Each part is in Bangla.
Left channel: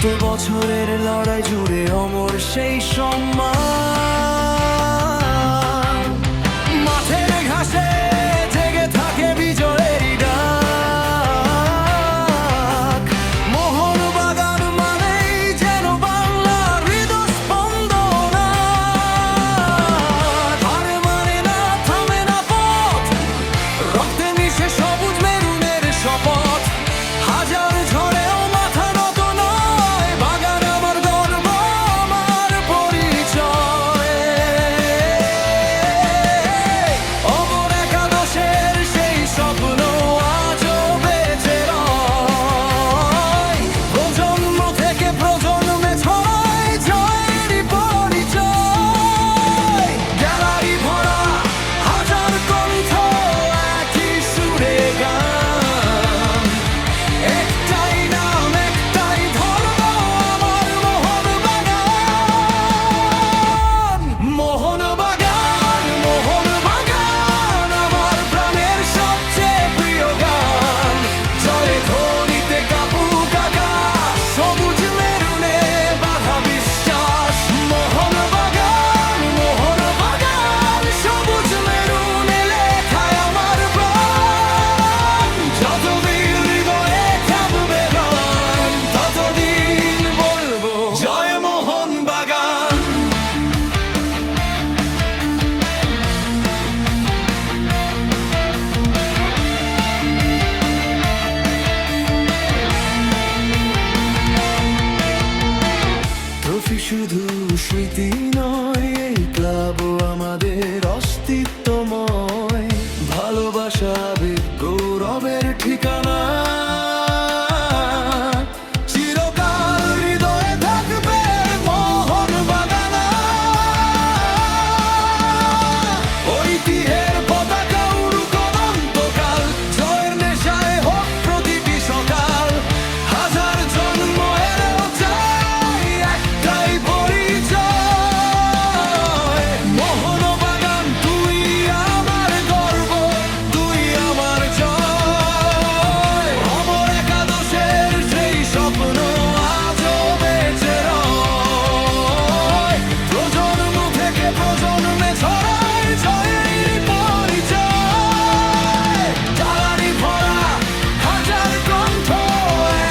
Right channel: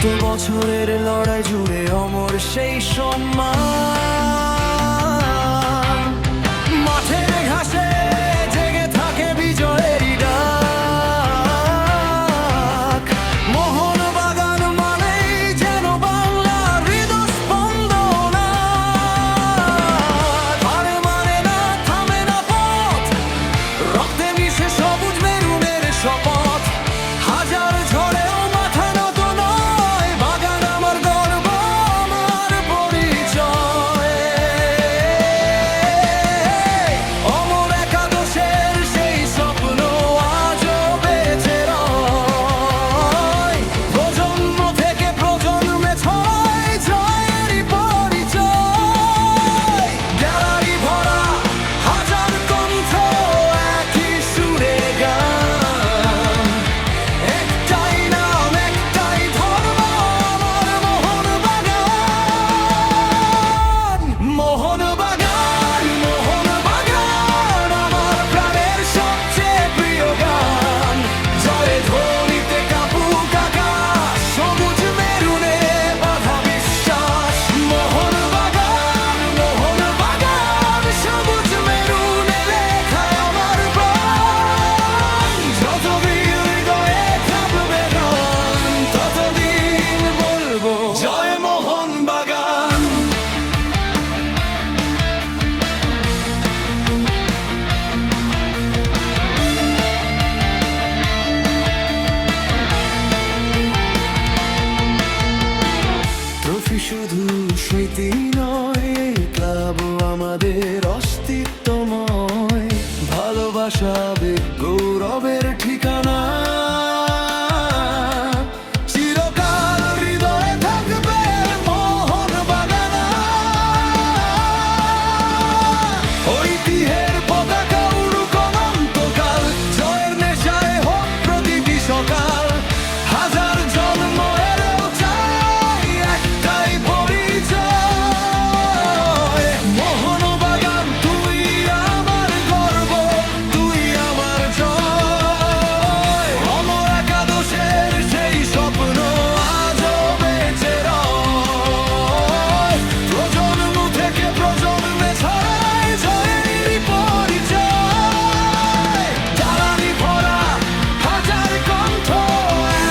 শত বছরের লড়াই জুড়ে অমর সেই সম্মান। মাঠের ঘাসে জেগে থাকে বিজয়েরই ডাক। মোহনবাগান মানেই যেন বাংলার হৃদস্পন্দনা। হার মানে না, থামে না পথ, রক্তে মিশে সবুজ মেরুনের শপথ। হাজার ঝড়েও মাথা নত নয়, বাগান আমার গর্ব, আমার পরিচয়। অমর একাদশের সেই স্বপ্ন আজও বেঁচে রয়। প্রজন্ম থেকে প্রজন্মে ছড়ায় জয়েরই পরিচয়। গ্যালারি ভরা হাজার কণ্ঠ, একই সুরে গান। একটাই নাম, একটাই ধর্ম, আমার মোহনবাগান। মোহনবাগান, মোহনবাগান, আমার প্রাণের সবচেয়ে প্রিয় গান। জয় ধ্বনিতে কাঁপুক আকাশ, সবুজ মেরুনে বাঁধা বিশ্বাস। মোহনবাগান, মোহনবাগান, সবুজ মেরুনে লেখায় আমার প্রাণ। যতদিন হৃদয়ে কাঁপবে রণ, ততদিন বলবো জয় মোহনবাগান। ট্রফি শুধু স্মৃতি নয়, এই ক্লাবও আমাদের অস্তিত্বময়। ভালোবাসা, আবেগ, গৌরবের ঠিকানা। চিরকাল হৃদয়ে থাকবে মোহনবাগান। ঐতিহ্যের পতাকা উড়ুক অনন্তকাল, জয়ের নেশায় হোক প্রতিটি সকাল। হাজার জন্ম এলেও চাই একটাই পরিচয়। মোহনবাগান, তুই আমার গর্ব, তুই আমার জয়। অমর একাদশের সেই স্বপ্ন আজও বেঁচে রয়। প্রজন্ম থেকে প্রজন্মে ছড়ায় জয়েরই পরিচয়। জ্বালানি ভরা হাজার কণ্ঠ,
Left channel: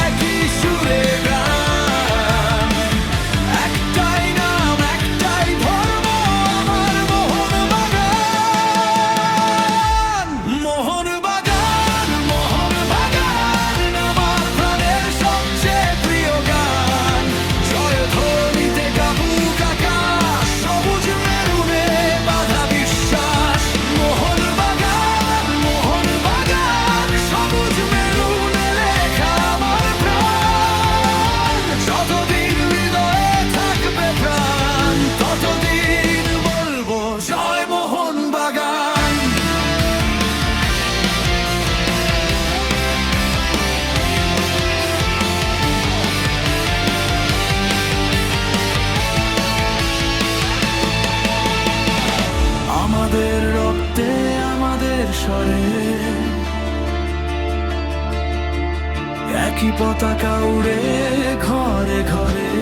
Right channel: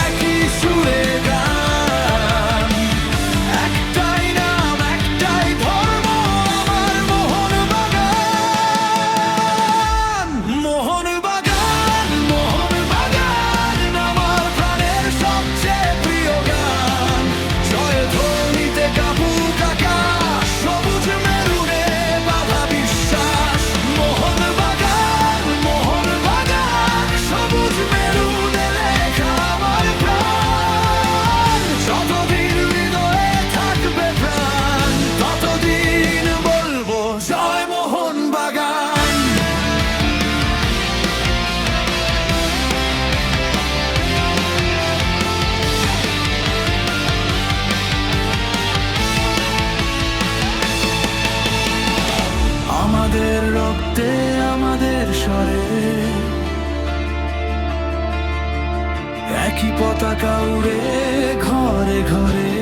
একই সুরে গান। একটাই নাম, একটাই ধর্ম, আমার মোহনবাগান। মোহনবাগান, মোহনবাগান, আমার প্রাণের সবচেয়ে প্রিয় গান। জয় ধ্বনিতে কাঁপুক আকাশ, সবুজ মেরুনে বাঁধা বিশ্বাস। মোহনবাগান, মোহনবাগান, সবুজ মেরুনে লেখা আমার প্রাণ। যতদিন হৃদয়ে থাকবে প্রাণ, ততদিন বলবো জয় মোহনবাগান। আমাদের রক্তে, আমাদের স্বরে একই পতাকা উড়ে ঘরে ঘরে।